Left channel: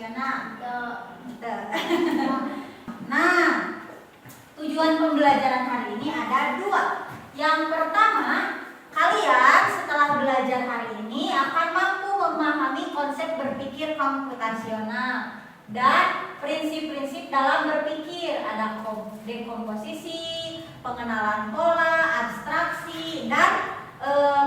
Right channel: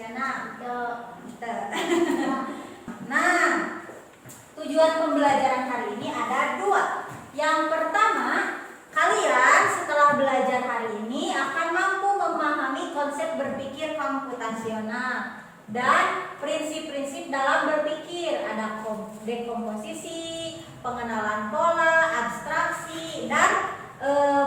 komputasional? Nah, tujuan pembelajaran hari ini ada 2. Yang pertama, kalian setelah belajar hari ini akan mampu memahami konsep berpikir komputasional dan prinsip-prinsip dalam berpikir. Ada dekomposisi, pengenalan pola, abstraksi, dan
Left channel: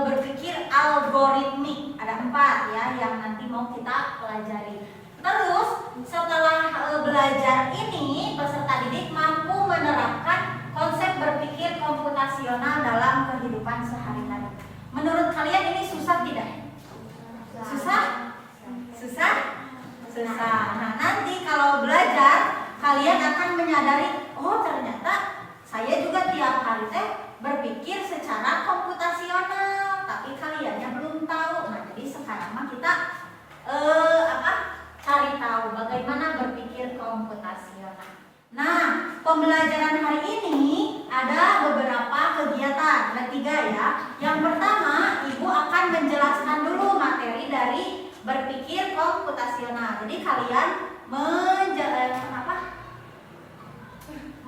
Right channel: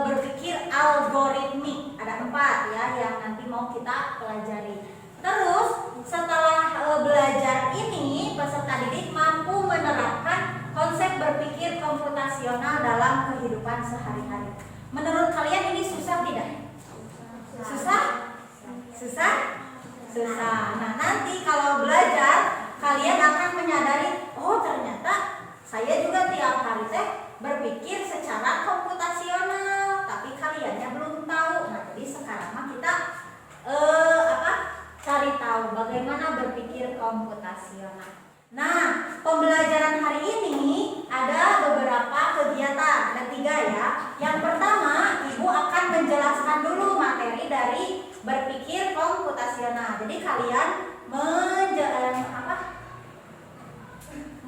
berpikir algoritmik. Ada 4 ya yang nanti mau kita pelajari. Terus setelah belajar ini, peserta didik mampu menerapkan konsep berpikir komputasional dalam kehidupan sehari-hari. Menurut kalian ini susah tidak? Susah? Susah? Susah. Nah, nanti kalau belajar kalian akan menyadari, oh ternyata saya juga tiap hari berpikir secara komputasional, tapi kaliannya belum tahu. Nah, jadi sekarang mah kita cari tahu bagaimana berpikir komputasional. Nah, pembelajaran hari ini ada beberapa kegiatan, ada 3 ya. Yang pertama, Ibu akan menjelaskan dulu materi dari berpikir komputasional. Jadi kalian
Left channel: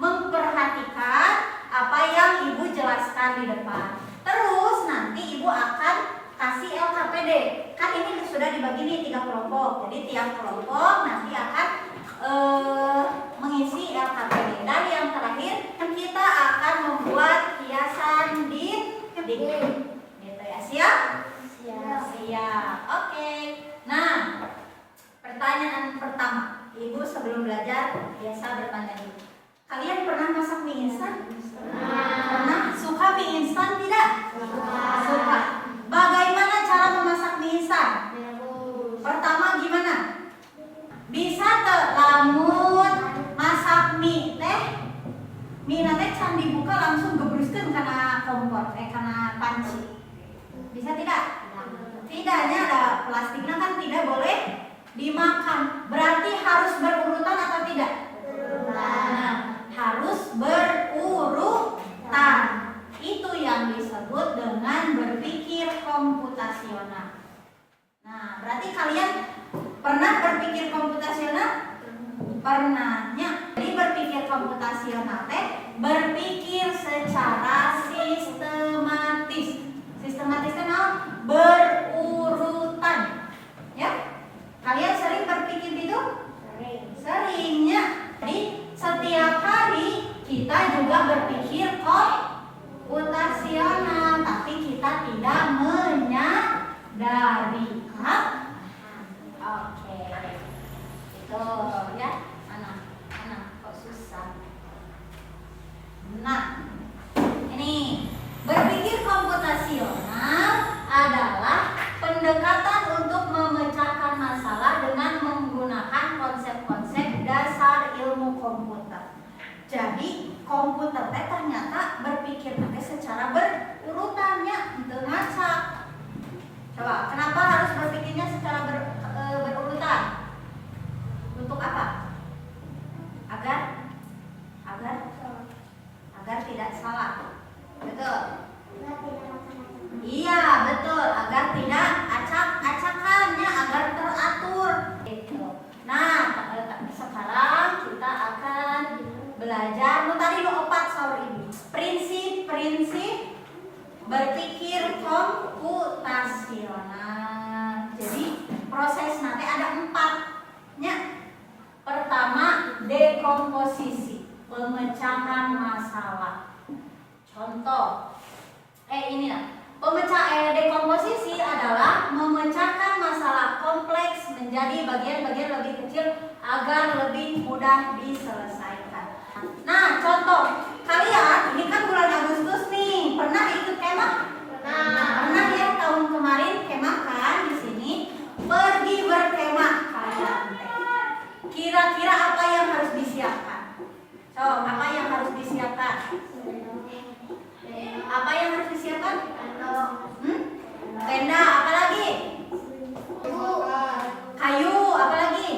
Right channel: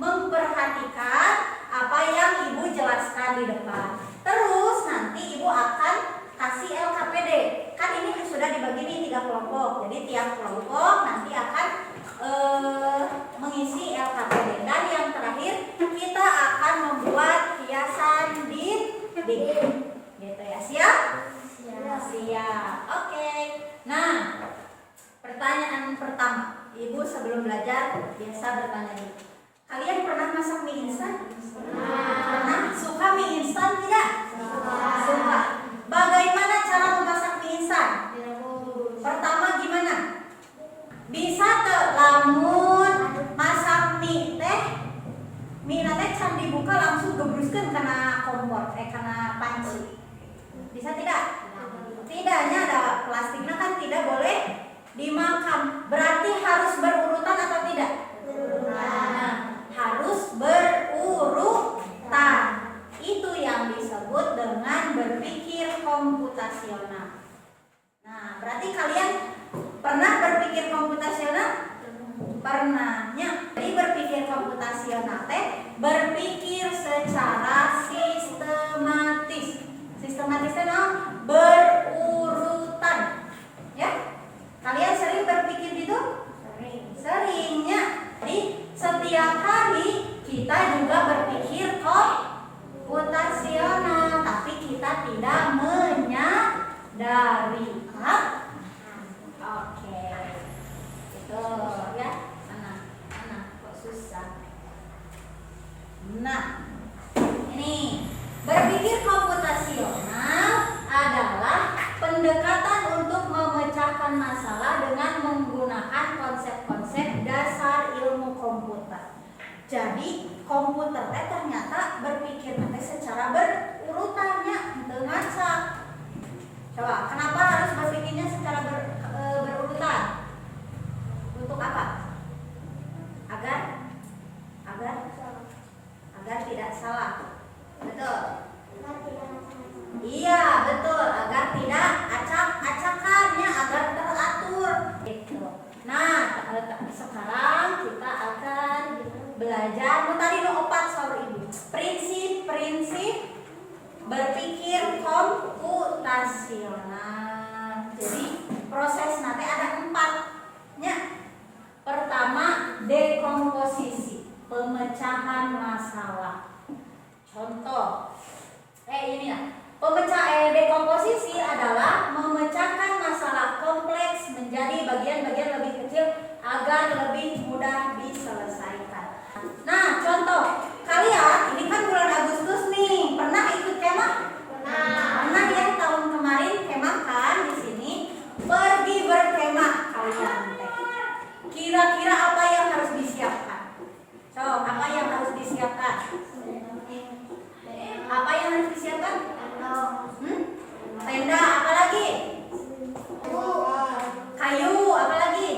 memperhatikan apa yang Ibu jelaskan di depan. Terus nanti Ibu akan kasih LKPD. Kan ini sudah dibagi nih 3 kelompok. Jadi tiap kelompok nanti akan mengisi LKPD. Dan yang terakhir kita akan membuat hiasan dinding. Gitu ya, siap? Siap. Oke. Nah, pertanyaan pertama. Ibu sebelum belajar biasa bertanya dulu. Kalian pernah masak mie instan? Pernah? Suka mie instan tidak? Suka. Bagaimana cara memasak mie instan? Pertama gimana? Bisa lamun masak mie teh can dibuka langsung gebruskeun kana kompor kana panci. Bisa tidak? Tidaknya ada plastiknya kan tidak boleh dimakan. Berarti harus berurutan atau tidak? Nah, harus berurutan. Itu yang disebut dengan berpikir komputasional. Nah, berarti kalian pernah berpikir komputasional? Pernahnya. Jadi berpikir komputasional berpikir secara sistematis. Sistematis itu berurutan. Ya? Kalian sering berpikir gitu? Seringnya. Jadi setiap hari kita juga berpikir komputasional, tapi kita tidak menyadari. Oke. Itu ya. Anak kok susah. Nah, ini berpikir komputasional adalah pendekatan untuk memecahkan masalah dengan menggunakan konsep-konsep dasar ilmu komputer. Jadi komputer ternyata berpikir secara berurutannya dengan coba, kenapa harus berpikirnya secara berurutan? Untuk apa? Agar tidak salah. Betul? Iya, betul. Agar tidak acak-acakannya, agar teratur. Gitu. Nah, sekarang kita akan belajar. Tadi lu 4 sorry Ibu. Prinsip-prinsip berpikir komputasional. Jadi proses nanti ada 4-nya. Pertama, dekomposisi, pemecahan masalah. Contoh, dekomposisi adalah memecahkan masalah kompleks menjadi bagian-bagian lebih kecil agar lebih mudah diselesaikan. Nah, contoh, kalian ini kan bulan Agustus nih, pernah ikut kemah? Pernah ya, tahun kemarin kemah kan di sini, pergi berkemah kalian. Kira-kira apa yang harus disiapkan? Apa yang harus disiapkan? Apa yang harus disiapkan? Tenda, apa lagi? Kayu, apa lagi?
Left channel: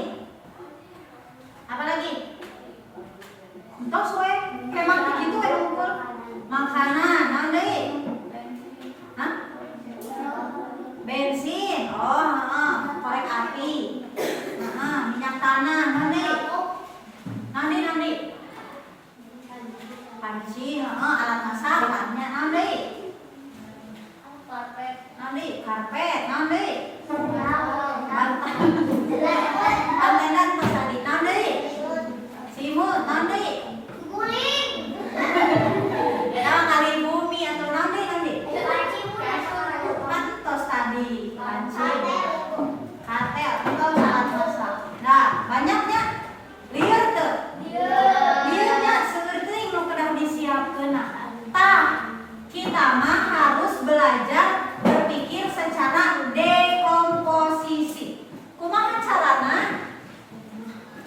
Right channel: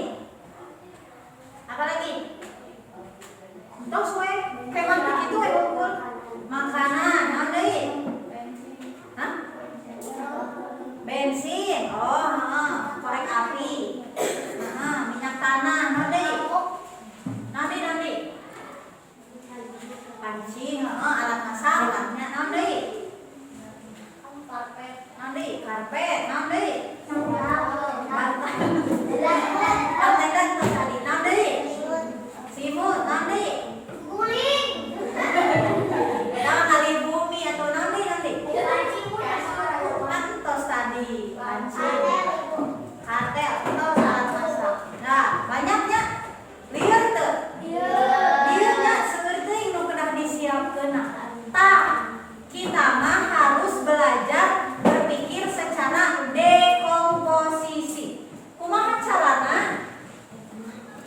Apa lagi? Tos we, kemah begitu kumpul. Makanan, naon deui? Hah? Bensin. Oh, korek api. Minyak alat masakannya naon deui? Karpet. Naon deui? Karpet. Naon deui? Bantal tos tadi. Naon deui? Simut. Naon deui? Guling. Naon kali bumi atau naon deui? Naon deui? Tos tadi. Panci. Kartel atau alat masak. Nah, banyaknya lieur teu? Liurnya seueur teuing nu kedah disiapkeun. Tah, kita mah harus belajar berpikir secara dekomposisi. Kumaha carana?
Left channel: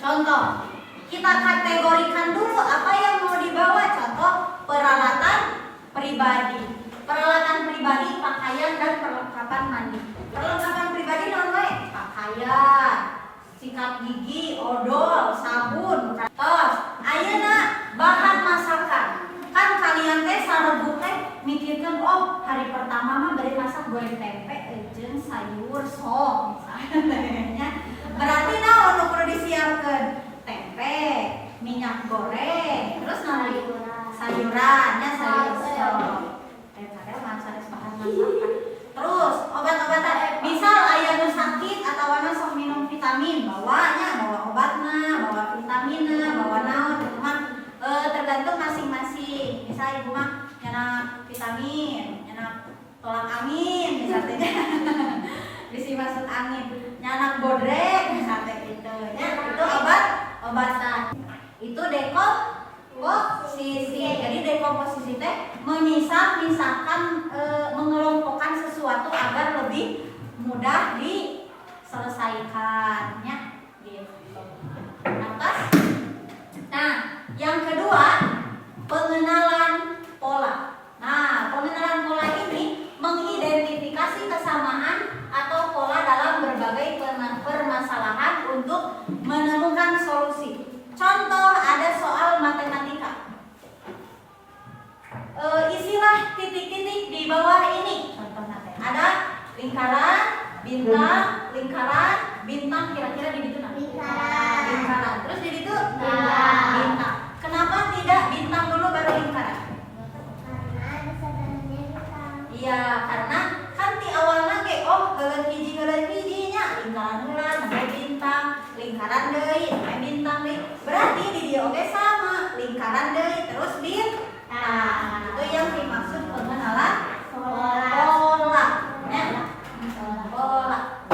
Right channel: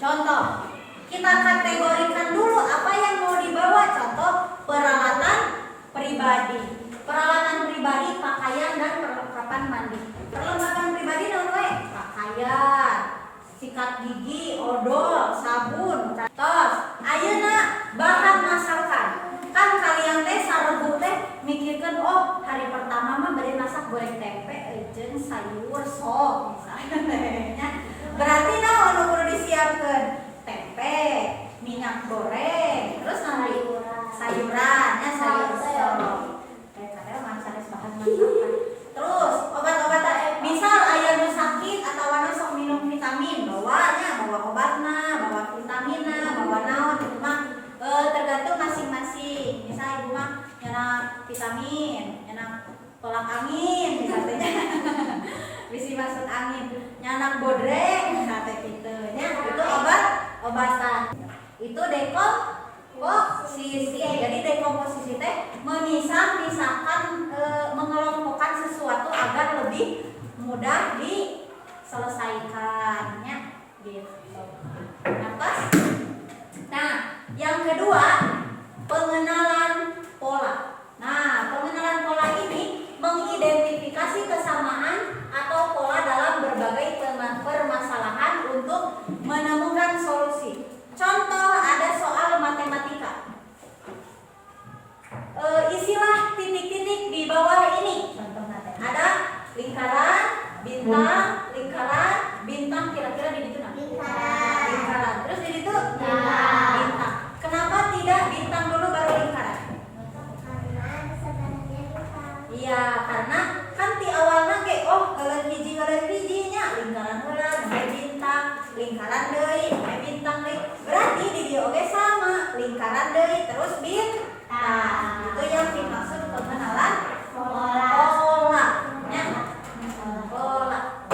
Contoh, kita kategorikan dulu apa yang mau dibawa. Contoh, peralatan pribadi. Peralatan pribadi, pakaian dan perlengkapan mandi. Perlengkapan pribadi naon wae? Pakaian, sikat gigi, odol, sabun, tos. Ayeuna bahan masakan. Kan kalian teh sarebu teh mikirkeun oh hari pertama mah bari masak goreng tempe jeung sayur sop misalnya. Berarti naon nu kudu disiapkeun? Tempe, minyak goreng, terus naon? Sayuran, nya sayur sop. Teh sanes bahan masakan. Terus obat-obatan, misal aya nu sakit atawa sok minum vitamin, bawanya bawa obatna, bawa vitaminna, bawa naon itu mah tergantung masing-masing. Misal ibu mah nyana vitamin, nyana tolak angin misalnya. Bisi masuk angin, nyana bodrek misalnya gitu. Ya, itu obat-obatan. Itu dekomposisi. Jadi dekomposisi teh memisah-misahkan, mengelompokkan sesuatu agar lebih mudah diselesaikannya gitu. Atas. Nah, yang kedua, pengenalan pola. Nah, pengenalan pola ini mengidentifikasi kesamaan atau pola dalam berbagai permasalahan untuk menemukan solusi. Contoh, ada soal matematika. Isilah titik-titik di bawah ini. Contohnya ada lingkaran, bintang, kira-kira di situ nah. Lingkaran. Terus di situ bintang. Kenapa tidak bintang dulu baru lingkaran? Iya, karena kan di awalnya kayak geuleun hiji-hijinya lingkaran heula sampai bintang, lingkaran deui sampai bintang deui. Berarti di dieu oge sama, lingkaran deui terus bintang. Itu yang dimaksud pengenalan pola. Ya. Pola.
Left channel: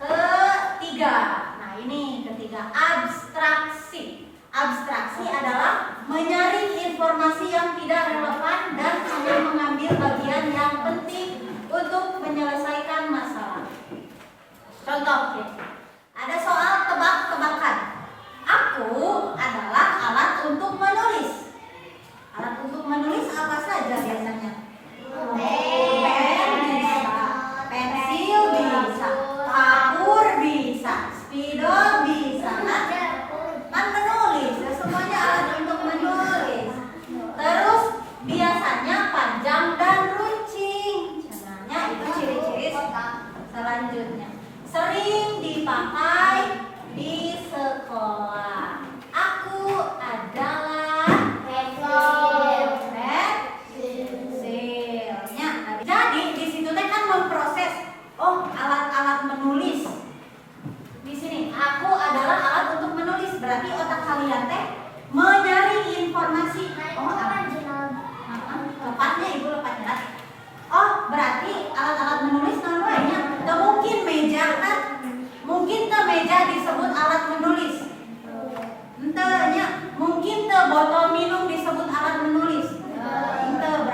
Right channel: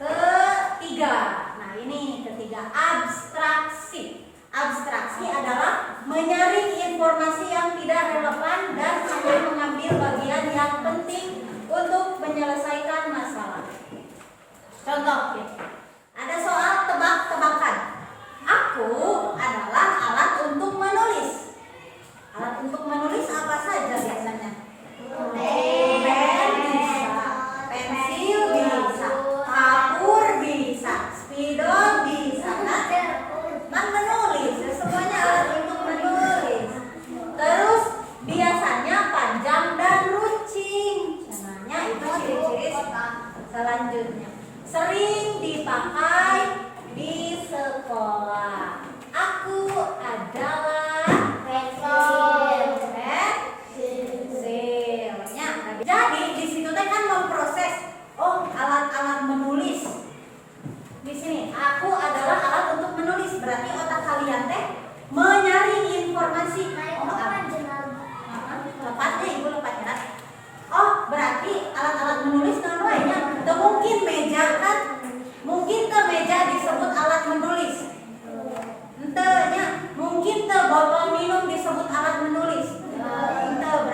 Ketiga. Nah, ini ketiga, abstraksi. Abstraksi adalah menyaring informasi yang tidak relevan dan hanya mengambil bagian yang penting untuk menyelesaikan masalah. Contoh, ada soal tebak-tebakan. Aku adalah alat untuk menulis. Alat untuk menulis apa saja biasanya? Pen bisa, pensil bisa, kapur bisa, spidol bisa. Kan menulis, ya semuanya alat untuk menulis. Terus biasanya panjang dan runcing. Caranya itu ciri-ciri selanjutnya. Sering dipakai di sekolah. Aku adalah pensilnya. Jadi di situ teh kan memproses. Alat-alat menulis. Di sini aku adalah alat untuk menulis. Berarti otak kalian teh menyaring informasi. Lepasnya ibu lepas jelas. Berarti alat-alat menulis kan nya. Teu mungkin meja kan. Mungkin teu meja disebut alat menulis. Henteu nya. Mungkin teu botol minum disebut alat menulis. Henteu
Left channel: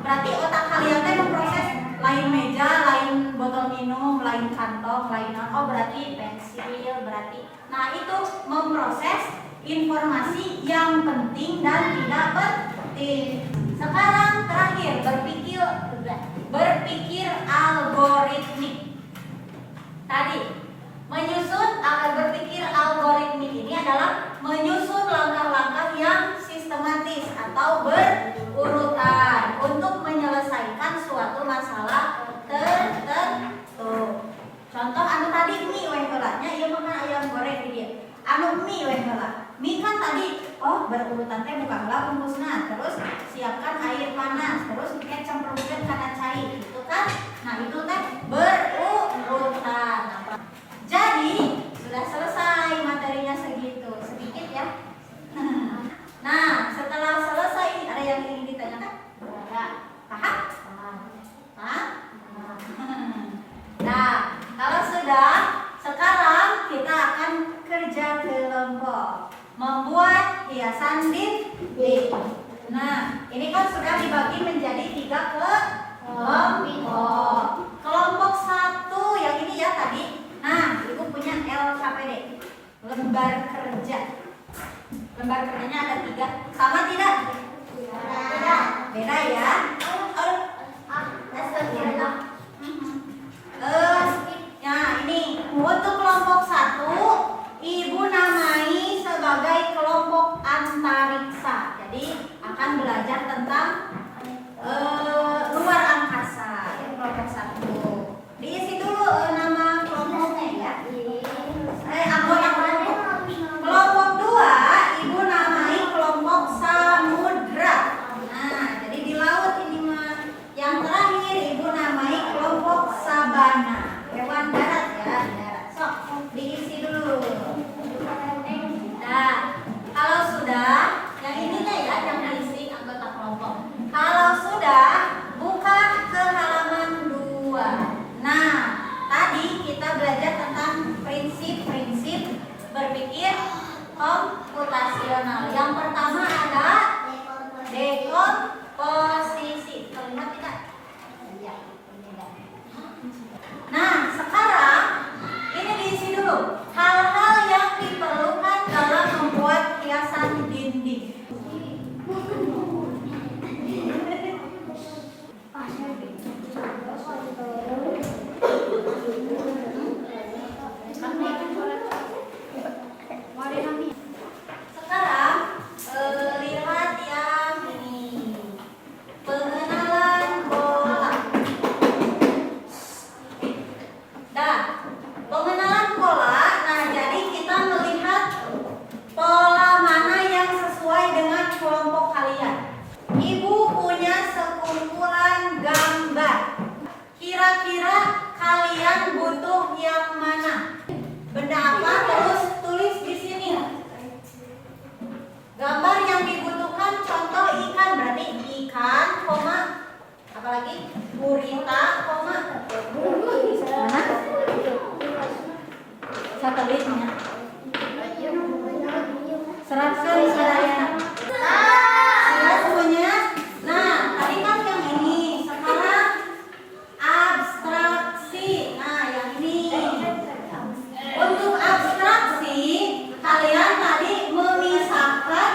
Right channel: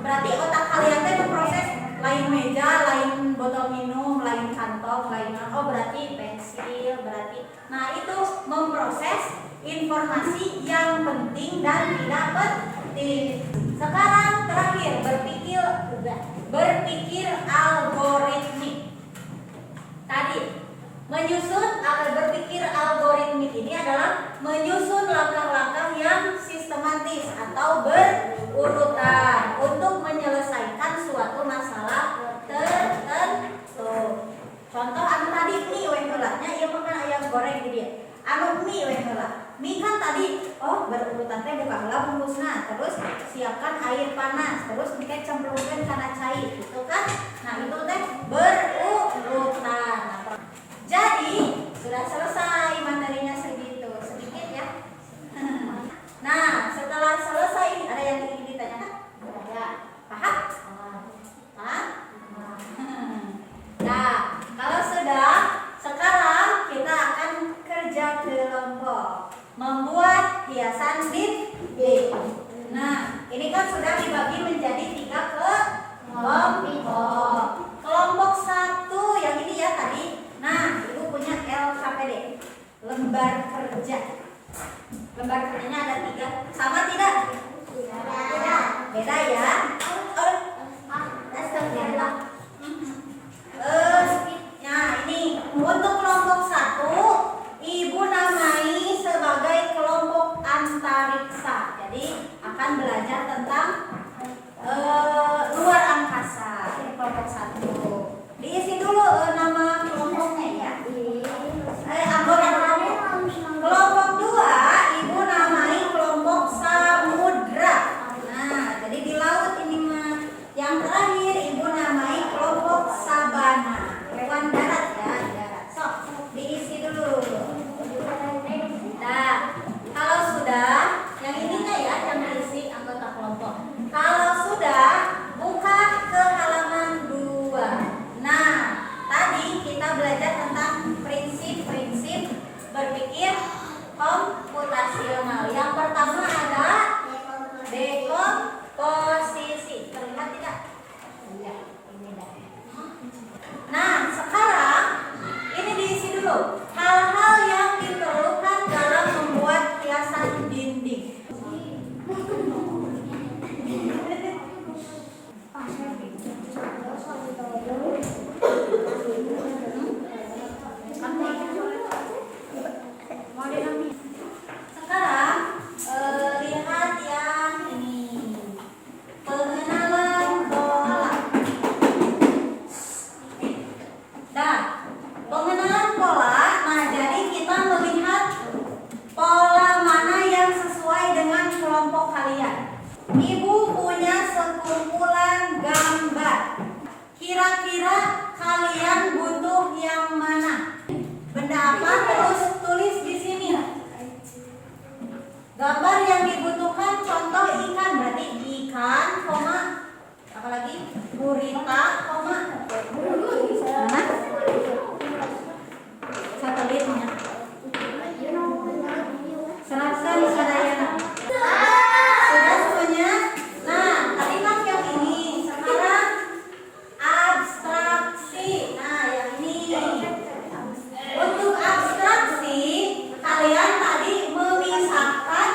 berarti otak kalian teh memproses lain meja, lain botol minum, lain kantong, lain berarti pensil, berarti. Nah, itu memproses informasi yang penting dan tidak penting. Sekarang terakhir berpikir algoritmik. Tadi berpikir algoritmik ini adalah menyusun langkah-langkah yang sistematis atau berurutan untuk menyelesaikan suatu masalah tertentu. Contoh anu tadi mie we heula nya ieu makan ayam goreng di dia. Anu mie we heula. mie kan tadi berurutan teh buka heula bungkusna, terus siapkan air panas, terus mungkin cemplungkeun kana cai gitu kan. Nah itu teh berurutan. Jadi sudah selesai materinya segitu, sedikit ya. Nah setelah selesai ada yang ingin ditanyakan? Ada. Paham? Paham? Nah kalau sudah, sekarang kita akan kerja kelompok membuat hiasan dinding. Nah ini kan sudah dibagi menjadi 3 kelompok. Kelompok 1 yang ini ya tadi. Nah ibu punya LKPD, lembar kerja. Lembar kerjanya ada 3, sama tidak? Beda. Beda ya. Nah ini untuk kelompok 1 ibu namai sebagai kelompok antariksa. Jadi akan belajar tentang luar angkasa. Ini kelompok 1. Diisi dulu nama kelompoknya ya. Anggota kelompok. Kelompok 2 ibu namai kelompok samudra. Nah jadi di laut ini mah. Yang terakhir ibu namai kelompok sabana. Hewan darat ya, darat. Sok diisi dulu. Nah kalau sudah, yang ininya ya yang diisi anggota kelompok. Kalau sudah, buka ke halaman 2. Nah tadi kita belajar tentang prinsip-prinsip berpikir komputasional. Yang pertama ada dekomposisi. Terlihat tidak? Iya, ini dah. Nah sekarang ini diisi dulu hal-hal yang diperlukan dalam membuat hiasan dinding. Sekarang lihat yang ini, pengenalan pola. Nah, pengenalan pola. Nah, jadi kita melihat pola mana yang sesuai dengan kelompok kalian. Ibu punya sekumpulan gambar. Kira-kira kalian butuh yang mana? Benda apa? Terus tulis di sini. Gambar yang dibutuhkan contoh ikan, berarti ikan, koma, apalagi gurita, koma, mana? Satelitnya. Serahkan Surayana. Sudah semuanya? Nah, tadi kan yang ini. Sekarang abstraksi. Nah, yang ini. Untuk abstraksi, kalian tadi memisahkan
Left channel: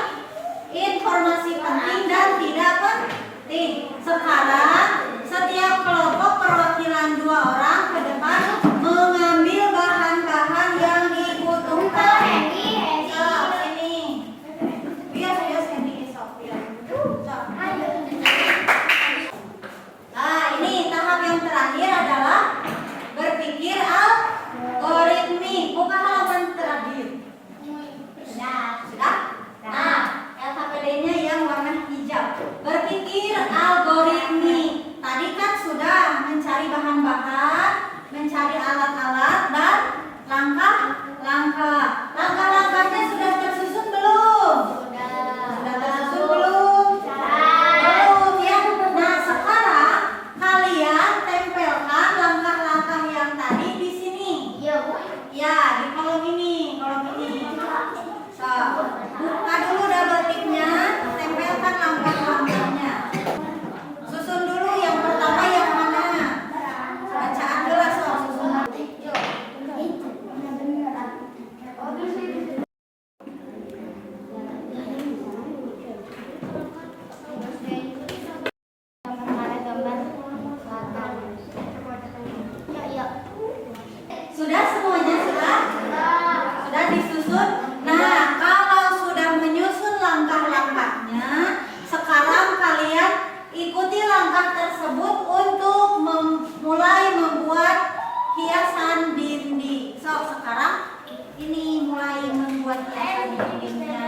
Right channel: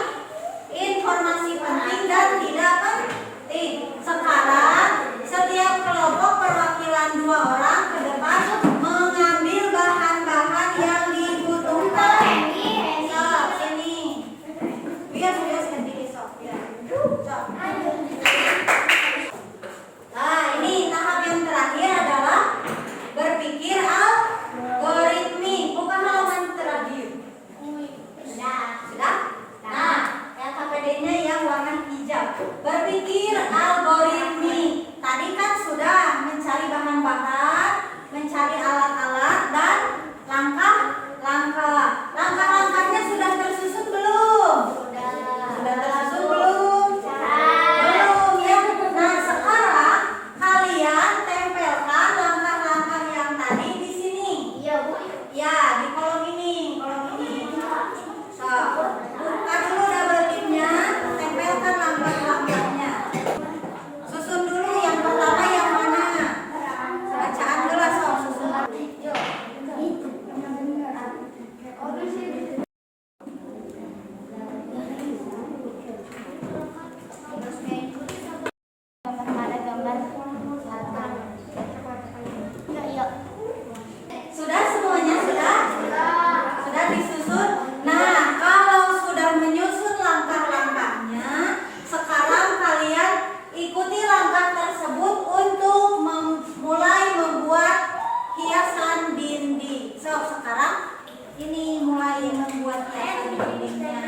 informasi penting dan tidak penting. Sekarang setiap kelompok perwakilan 2 orang ke depan mengambil bahan-bahan yang dibutuhkan. Ini. Biar sendiri Sofia. Nah, ini tahap yang terakhir adalah berpikir algoritmi. Buka halaman terakhir. Sudah? Nah, LKPD-nya yang warna hijau. Berpikir algoritmi. Tadi kan sudah mencari bahan-bahan, mencari alat-alat dan langkah-langkah. Langkah-langkahnya sudah tersusun belum? Sudah tersusun belum? Belum ya. Nah, sekarang kalian tempelkan langkah-langkah yang tadi di sini. Ya, di kolom ini, So, buka dulu double tipnya, tempelkan langkah-langkahnya. Susun dulu yang pertama yang mana? Bacaan dulu, so, susun. Sudah semuanya sudah? Sudah disusun? Nah, kalau sudah menyusun langkah-langkahnya, sekarang kalian ikuti langkah tersebut untuk mulai membuat hiasan dinding. So, sekarang ini mulai membuat hiasan dindingnya.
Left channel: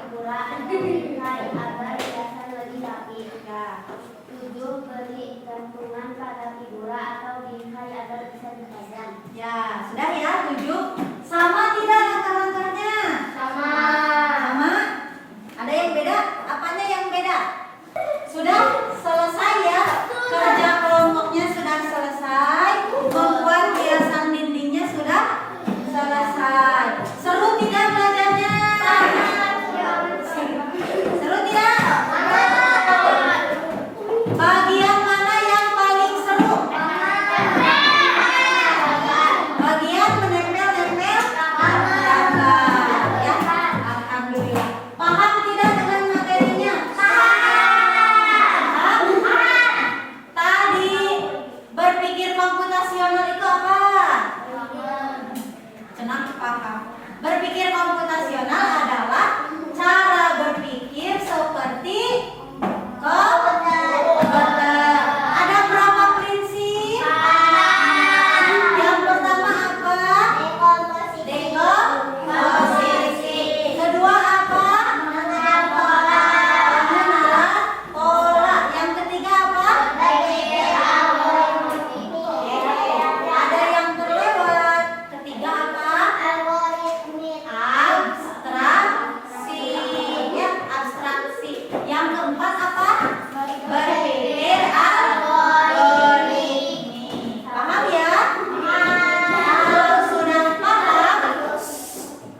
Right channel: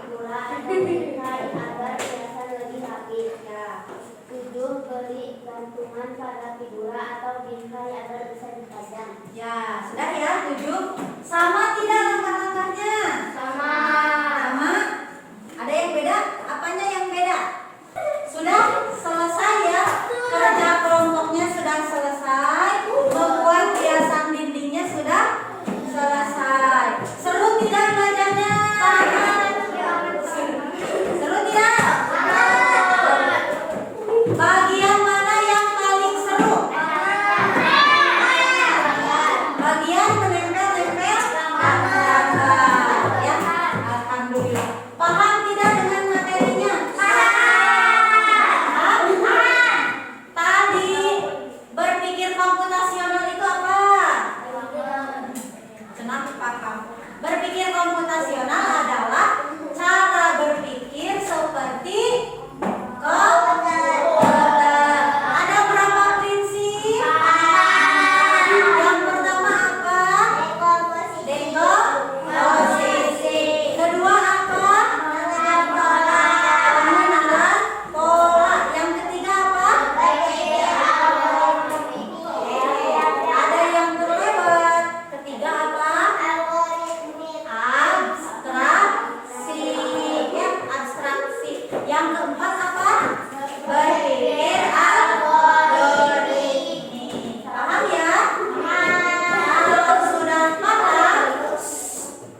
figura atau bingkai agar hiasan lebih rapi. Ya. 7. Beri gantungan pada figura atau bingkai agar bisa dipajang. Ya, sudah ya 7. Sama tidak langkah-langkahnya? Sama. Sama? Ada yang beda? Apanya yang beda? Sudah selesai ya? Kerja kelompoknya sudah selesai. Membuat hiasan dindingnya sudah selesai. Seru tidak belajarnya? Seru tidak? Bagian mana yang paling seru? Bagian menempel-nempel gambar. Ya, alhamdulillah. Paham tidak dengan materinya? Paham? Tadi berpikir komputasional itu apa? Senang paham. Berpikir komputasional adalah cara berpikir seperti komputer. Ada berapa prinsip? Yang pertama apa? Dekomposisi. Kedua apa? Pengenalan pola. Yang ketiga apa? Ada yang terlewat. Ketiga apa? Abstraksi. Ya, abstraksi. Yang keempat apa? Berpikir algoritmi. Paham ya? Kalau sudah paham,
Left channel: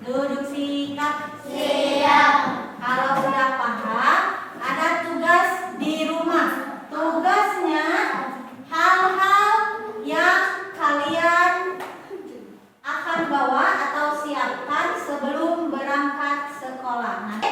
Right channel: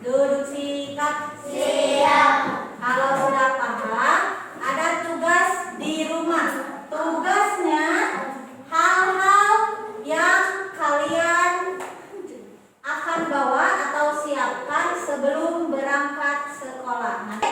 duduk sikap. Siap. Kalau sudah paham, ada tugas di rumah. Tugasnya hal-hal yang kalian akan bawa atau siapkan sebelum berangkat sekolah. Nanti